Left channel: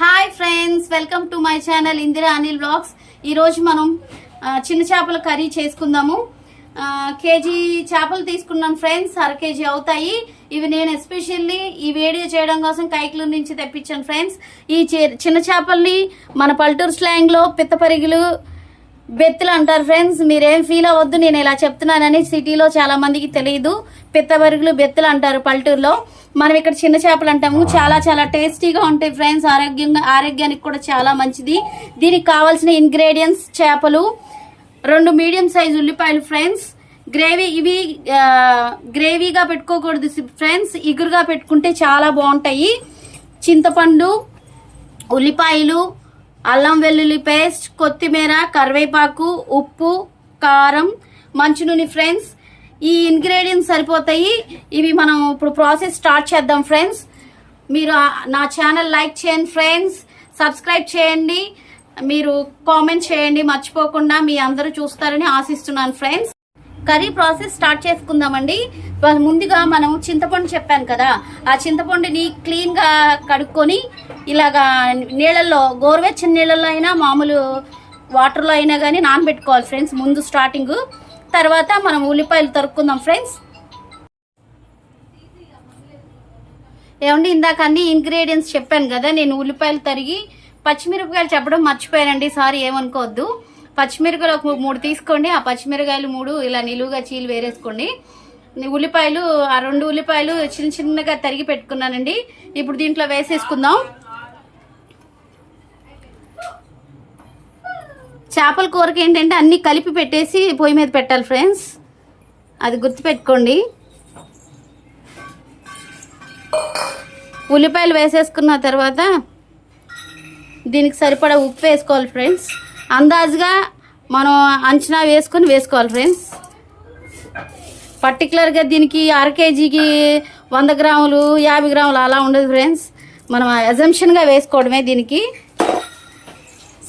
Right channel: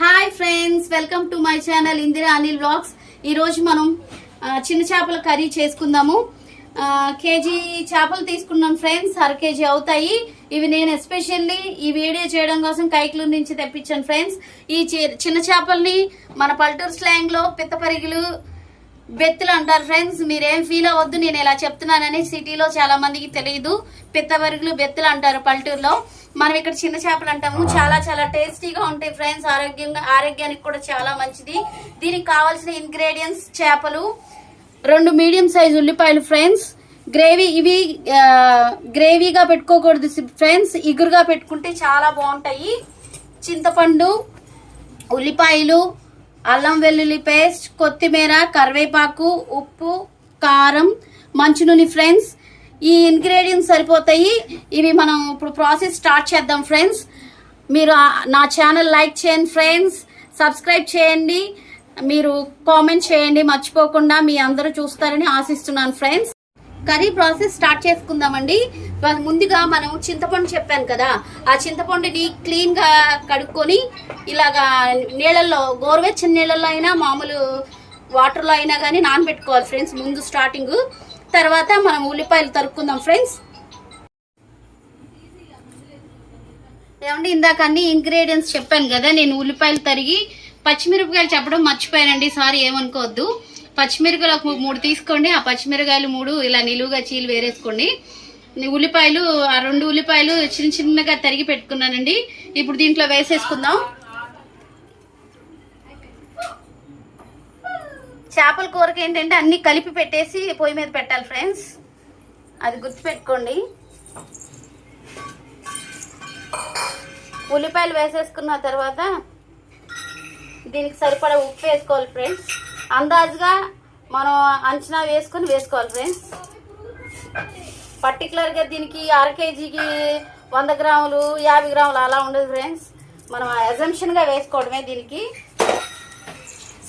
Hi friends welcome to my channel Indira Anil blogs ఈరోజు మనం చిన్న చేపల కర్రీ చేసుకుందాము. కేజీ చేపలు తీసుకున్నాం ఫ్రెండ్స్ అర కేజీ అవుతాయి. ఇవి నేను ఎస్పెషల్లీ ఈ వీడియో చేయడం కోసం కైకులూరు నుంచి తెప్పించాను ఫ్రెండ్స్ ఈ చిన్న చేపల్ని మన పల్లెటూరు స్లాంగ్లో పిత్తపరిగిలు బెత్తులు అంటారు ఫ్రెండ్స్. మీరేం ఫీల్ అవ్వద్దు నేను ఇలా చెప్తున్నానని సిటీలో చాలా మందికి తెలియదు. పిత్తబరుగులు బెత్తులు అంటారు పల్లెటూరులో. మనం ఇక్కడ చిన్న చేపలు అంటాము. చాలా చాలా టేస్టీగా ఉంటాయి ఫ్రెండ్స్. ఆరోగ్యంగా ఆరోగ్యానికి కూడా చాలా మంచిది. దీనికి కావాల్సిన ఇంగ్రీడియంట్స్ చేపలు రెండు మీడియం సైజ్ ఉల్లిపాయలు ఫ్రెండ్స్. గ్రేవీ ఇవి గ్రేవీగా పెట్టుకోకూడదు ఫ్రెండ్స్. ఇగురుగా పెట్టుకుంటే చాలా బాగుంటాయి. చింతపండు ఉల్లిపాయలు అల్లం వెల్లుల్లి పేస్ట్ కొత్తిమీర కరివేపాకు ఉప్పు కారం మంచి నూనె ఫ్రెండ్స్. ఈ ఇంగ్రీడియంట్స్ సరిపోతాయి. ఇవి మనం ఇప్పుడు ప్రాసెస్ స్టార్ట్ చేద్దాం ఫ్రెండ్స్. మీరు నా ఛానల్ లైక్ చేయండి ఫ్రెండ్స్. సబ్స్క్రైబ్ చేయండి. మీరు కామెంట్ చేయండి. మర్చిపోకుండా మీ అందరూ చూస్తారని ఆశిస్తున్నాను ఫ్రెండ్స్. కర్రీ ప్రాసెస్ స్టార్ట్ చేసుకుందామండి. ముందుగా మనం చింతపండు చెప్పాను కదా ఆ చింతపండుని క్లీన్గా కడుక్కొని ఇలాగా నీళ్ళల్లో గోరువెచ్చని నీళ్ళల్లో అయినా మామూలు వాటర్లో అయినా కానీ నానబెట్టుకోవాలి ఫ్రెండ్స్ ముందు స్టార్టింగ్. తర్వాత మనం ఉల్లిపాయలు తరుక్కుందాం ఫ్రెండ్స్. ఏమండి ఇందాక అన్ని ఇంగ్రీడియంట్స్ చెప్పాను కదా నేను ఉల్లిపాయలు తరిగి పచ్చిమిరపకాయలు చెప్పడం మర్చిపోయానండి సారీ ఏమనుకోవద్దు. పచ్చిమిరపకాయలు ఒక మూడు తీసుకోండి ఆ పచ్చిమిరపకాయలు మూడు ఇలా నిలువుగా చీలు వేరేసుకోండి. ఉల్లిపాయలు ఆ రెండు ఉల్లిపాయలు చిన్న చిన్నగా తరిగి పెట్టుకున్నానండి. ఇప్పుడు దీంట్లో వేసేసుకుందాం. చేపల కూరకి ఏంటంటే అన్నీ కలిపి పెట్టేసి పొయ్యి మీద పెట్టాలి ఫ్రెండ్స్. అది గుర్తుపెట్టుకోండి. ఉల్లిపాయలు వేసేసుకున్న తర్వాత దీనికి సరిపడా ఉప్పు వేసుకోవాలి ఫ్రెండ్స్. అందాజుగా మనం అంచనా వేసుకొని వేసుకోవాలి ఫ్రెండ్స్. పర్టికులర్గా దీనికి అర కేజీకి వంద గ్రాములు యాభై గ్రాములు అలా ఉండదు ఫ్రెండ్స్ మనం అజంప్షన్గా వేసుకోవడమే దీనికి.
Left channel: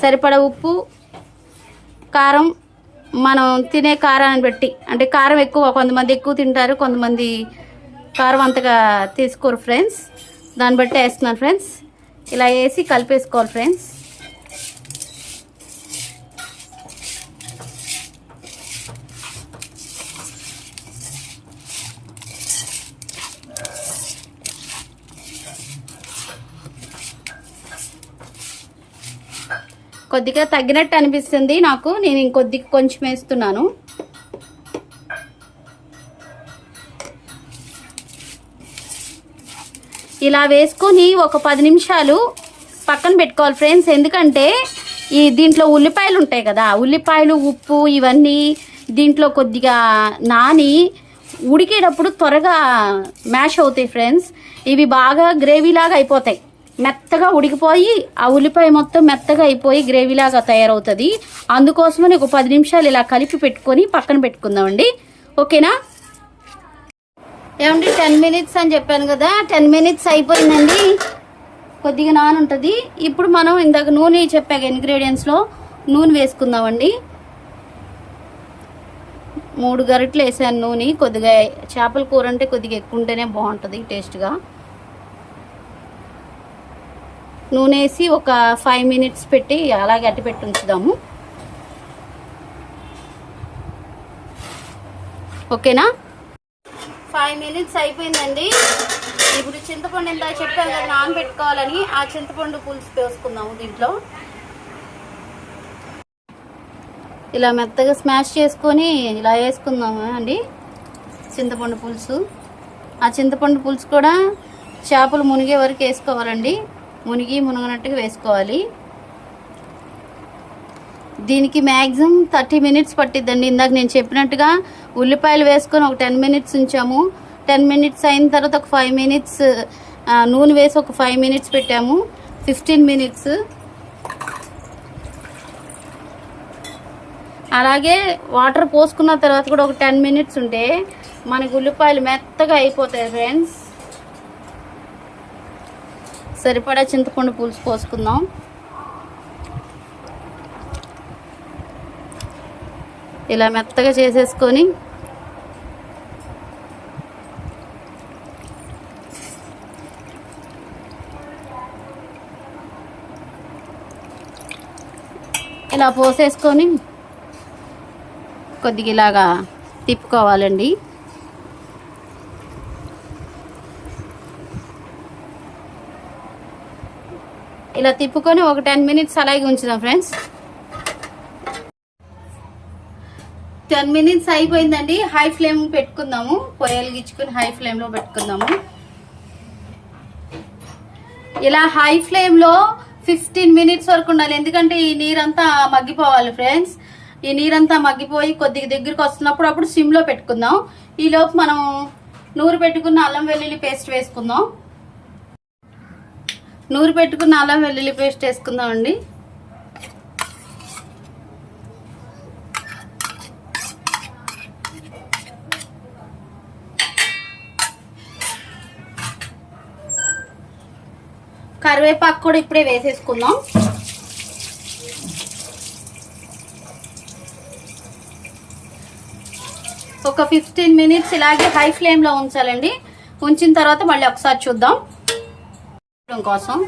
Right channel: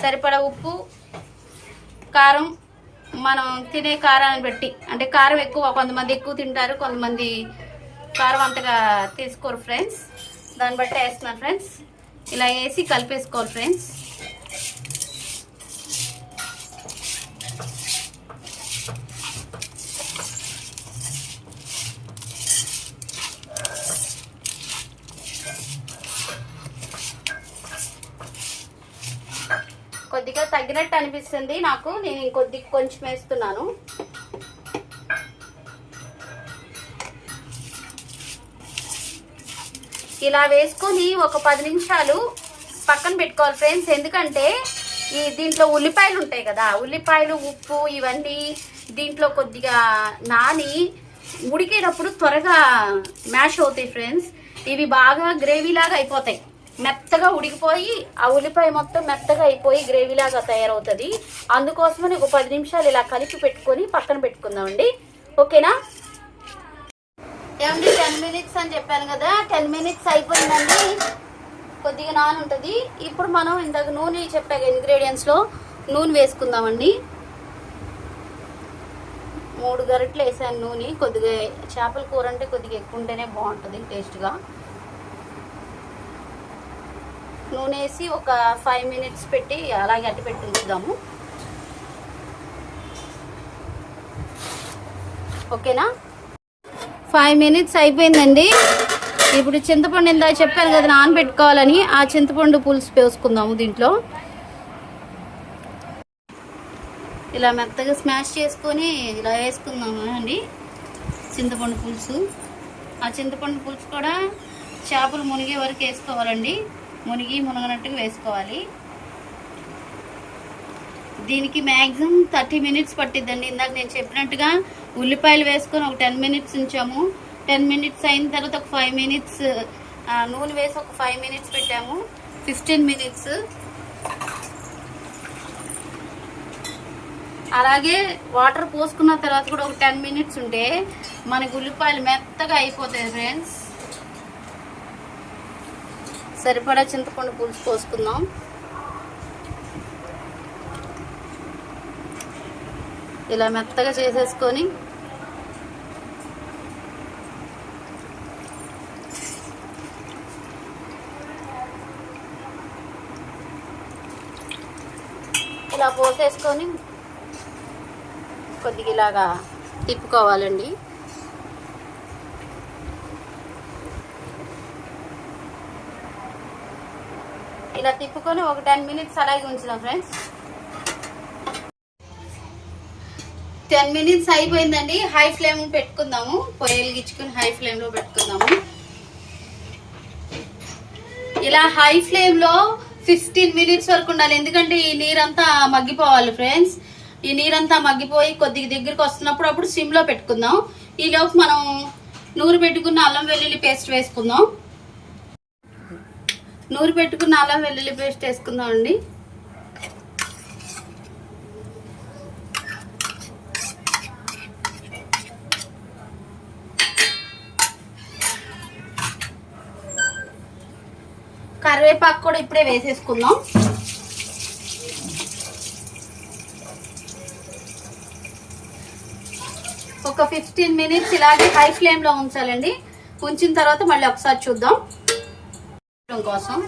సరిపడా ఉప్పు కారం మనం తినే కారాన్ని బట్టి. అంటే కారం ఎక్కువ కొంతమంది ఎక్కువ తింటారు కొంతమంది కారం అంతగా తీసుకోరు ఫ్రెండ్స్ దాన్ని బట్టి వేస్తున్నాను ఫ్రెండ్స్ ఇలా వేసి కలిపేసుకోవాలి ఫ్రెండ్స్ కొద్దిగా తగ్గినట్టు అనిపిస్తుంది నాకు. నేను ఇంకొద్ది కొంచెం వేస్తున్నాను. ఇలా వేసుకొని ఒక పది నిమిషాలు పక్కన పెట్టుకోవాలి ఫ్రెండ్స్. ఎందుకంటే ఈ దీంట్లో ఉల్లిపాయలు ఉంటాయి కదా ఉల్లిపాయలు ఉప్పు ఇవన్నీ దీంట్లో కొద్దిగా నాని ఉడికేటప్పుడు త్వరగా మ్యాష్ అవుతాయి ఫ్రెండ్స్. ఇవి బాగా గ్రేవీలాగా అయిపోతాయి. మెత్తగా ఉడికిపోయి ఆ ఉల్లిపాయ మొత్తం మెత్తగా అయిపోయి గ్రేవీలాగా తయారవుతుంది. అందుకోసమని ఒక పది నిమిషాలు ఇలా కలిపి పెట్టుకొని పక్కన పెట్టుకుందామండి. ఓకేనా? ఏమండి టెన్ మినిట్స్ అని చెప్పాను కదా టెన్ మినిట్స్ అయిపోయిందండి. కొద్దిగా నాన్ ఉంటుంది. ఇప్పుడు మనం ఇందాక నూనె చెప్పాక ఇంగ్రీడియంట్స్లో నూనె వేసుకుందామండి. మూడు గరిటెలు వేసాను నూనె కొద్దిగా చేపల కూర అంటే కొద్దిగా ఎక్కువ ఉంటేనే బాగుంటుంది టేస్ట్గా. నూనె వేసి ఒక ఫైవ్ మినిట్స్ పెట్టి అలాగే అట్టి పెట్టి ఉంచుదాము. ఓకేనా? ఫైవ్ మినిట్స్ అయిపోయిందండి. ఇప్పుడు చింతపండు ఇందా చెప్పాను కదా నానబెట్టుకోవాలని ఆ చింతపండు పులుసు వేసుకుందాము దీంట్లో. ఇలా మెత్తగా స్మాష్ చేసుకొని ఇలా వేసుకుందాము అండి? చింతపండు పులుసు. ఆ చింతపండు పులుసు కూడా చేపలు మునిగే వరకు వేసుకోవాలండి. మునిగి మునగనట్టుగా వేసుకోవాలి. దీనికి మ్యాక్సిమం థర్టీ మినిట్స్ పట్టిద్దండి. ఇందాక నేను చెప్పినట్టుగా ఉల్లిపాయలు వేసుకొని ఒక టెన్ మినిట్స్ ఉంచాము. టెన్ మినిట్స్ అయిన తర్వాత ఒక ఫైవ్ మినిట్స్ నూనె వేసి ఒక ఫైవ్ మినిట్స్ పెట్టాము. Fifteen minutes. అలాగే వాటర్ పోసుకున్న తర్వాత కూడా ఒక టెన్ మినిట్స్ ఉంటే మనకు ఉల్లిపాయలు మెత్తగా అయిపోతాయి ఫ్రెండ్స్. సరిపడా చింతపండు పులుసు పోసుకుందాం. ఇలా మెత్తగా చేసేసుకొని ఇలా పోసేసుకొని కొద్దిగా ఇలాగా తిప్పుకోవాలండి. ఇలా తిప్పుకొని ఒక టెన్ మినిట్స్ అలాగే ఉంచుదాం ఫ్రెండ్స్. టెన్ మినిట్స్ అయిపోయిందండి. హై ఫ్లేమ్ పెట్టుకుందాము. పొయ్యలు గిచ్చుకుని హై ఫ్లేమ్లో పెట్టుకుందాము. ఇలా హై ఫ్లేమ్లో ఫిఫ్టీన్ మినిట్స్ వరకు ఉండాలి. ఎందుకంటే ఈ నీరంతా మగ్గిపోవాలి ఫ్రెండ్స్. ఈ నీరంతా మగ్గిపోయి కొద్దిగా దగ్గరికి వస్తున్నప్పుడు అప్పుడు సిమ్లో పెట్టుకుందాం. ఈ లోపు మనం నూరు పెట్టుకున్న అల్లం వెల్లుల్లి పేస్ట్ వేసుకుందాం. నూరు పెట్టుకున్న అలా వెల్లుల్లి పేస్ట్ వేసుకుందాం అండి. కరివేపాకు కూడా ఇప్పుడే వేసేసుకుందాం. ఒక ఫిఫ్టీన్ మినిట్స్ ఇలాగే హై ఫ్లేమ్లో ఉంచాలండి. ఉంచిన తర్వాత మళ్ళీ ఒకసారి చూద్దాం. కోసం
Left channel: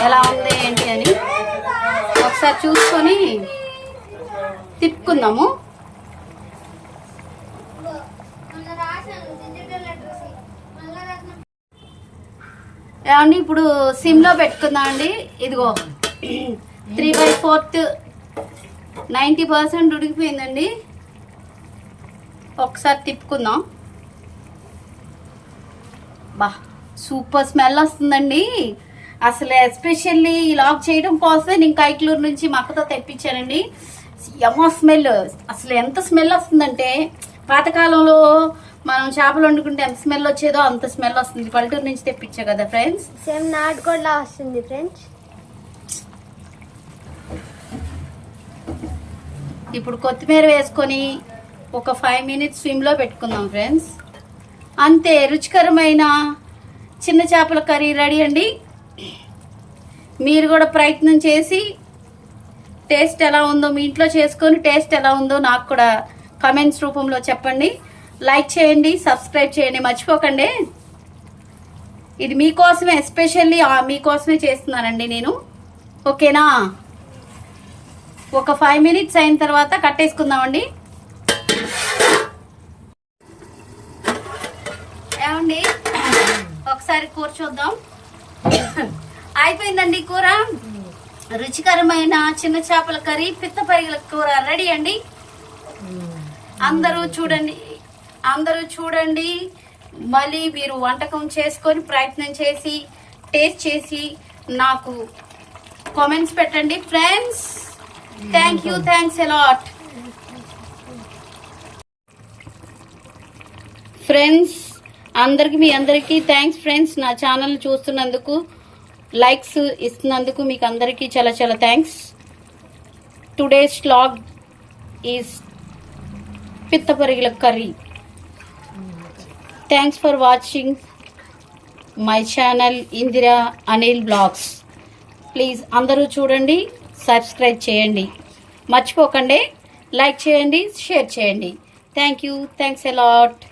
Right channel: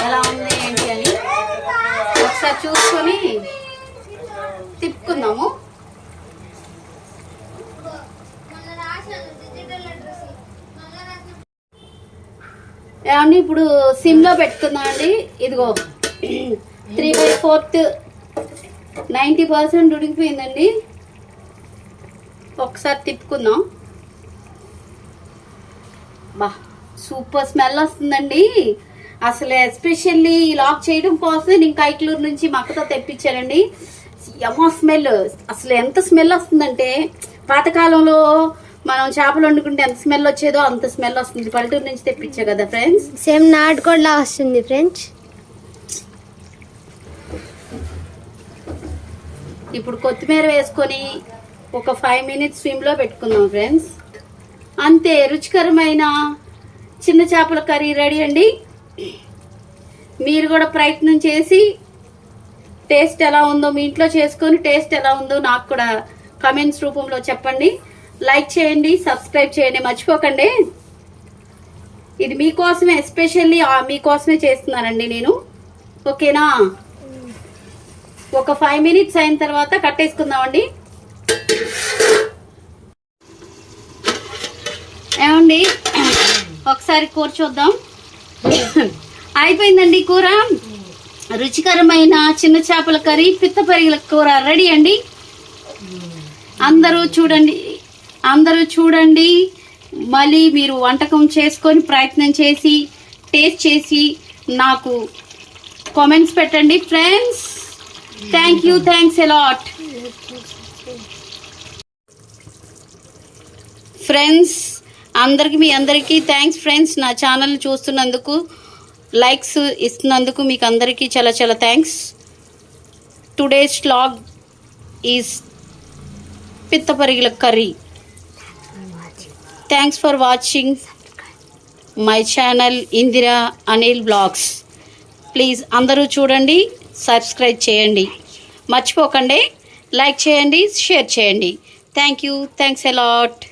ఎలా ఉంది ఏంటి అని ఒకసారి చూసుకొని తిప్పుకుందాము. ఏమండి ఇప్పుడు సిమ్లో పెట్టుకుందామండి పెట్టుకుందాం అండి. ఇదిగో three by fourth ninety percent ఉడికిపోయిందండి. ఒకసారి తిప్పుకుందాం. బా. సూపర్ స్మెల్ వస్తుందండి. అసలు ఎస్పెషల్లీ లాక్ చేయడం కోసమే నేను కైట్లూరు నుంచి మా అక్కతో తెప్పించానండి. యమో స్మెల్. అసలు ఎంత స్మెల్ వస్తుందంటే పాతకాలంలో మనం చేపలు వండుకుంటే ఎంత స్మెల్ వచ్చేదో అంత స్మెల్ వస్తుంది. పల్లెటూరు నుంచి తెప్పించా కదా ఫ్రెండ్స్? సేమ్ నాటుకోడిలా వస్తుంది ఫ్రెండ్స్. ఇప్పుడు కొత్తిమీర వేసుకొని ఒక ఫైవ్ మినిట్స్ స్విమ్లో పెట్టుకుందాం ఫ్రెండ్స్. అంతే రుచికరమైన చిన్న చేపల కర్రీ రెడీ అండి. మీరు కూడా ప్రయత్నం చేసి టేస్ట్ ఎలా ఉందో మీ ఇంట్లో చేసుకొని టేస్ట్ ఎలా ఉందో నాకు కూడా కమెంట్స్ రూపంలో చెప్పండి. లైక్ చేయండి సబ్స్క్రైబ్ చేయండి. మర్చిపోకండి. ఇది మీకోసమే ఎస్పెషల్లీ మీకోసమే చేస్తున్నానండి నేను. ఓకేనా? ఒక ఫైవ్ మినిట్స్ అయిన తర్వాత కట్టేసుకుందామండి ఏమండి ఒకసారి కూర చూద్దాం. అయిపోయిందండి కూర. రుచికరమైన చిన్న చేపల కర్రీ పిత్తపరిగల కూర. రెడీ అండి? అందరూ చూడండి. అందరూ చూడండి. మళ్ళీ మీరు వంటకం చేసుకొని ప్రయత్నం చేసి టేస్ట్ చేసి నాకు కామెంట్స్ పెట్టండి. Friends thank you thanks a lot friends అందరికి మీ అందరికీ థ్యాంక్స్ ఫ్రెండ్స్ నా ఛానల్ చూస్తున్నందుకు లైక్స్ ఇస్తున్నందుకు మీకు అందరికీ చాలా చాలా thanks today's log is పిత్తపరిగిల curry. Thanks for watching my channel Indira Anil blogs please అందరూ చూడండి సబ్స్క్రైబ్ చేయండి. మర్చిపోకండి లైక్ చేయండి షేర్ చేయండి. Thank you thanks allot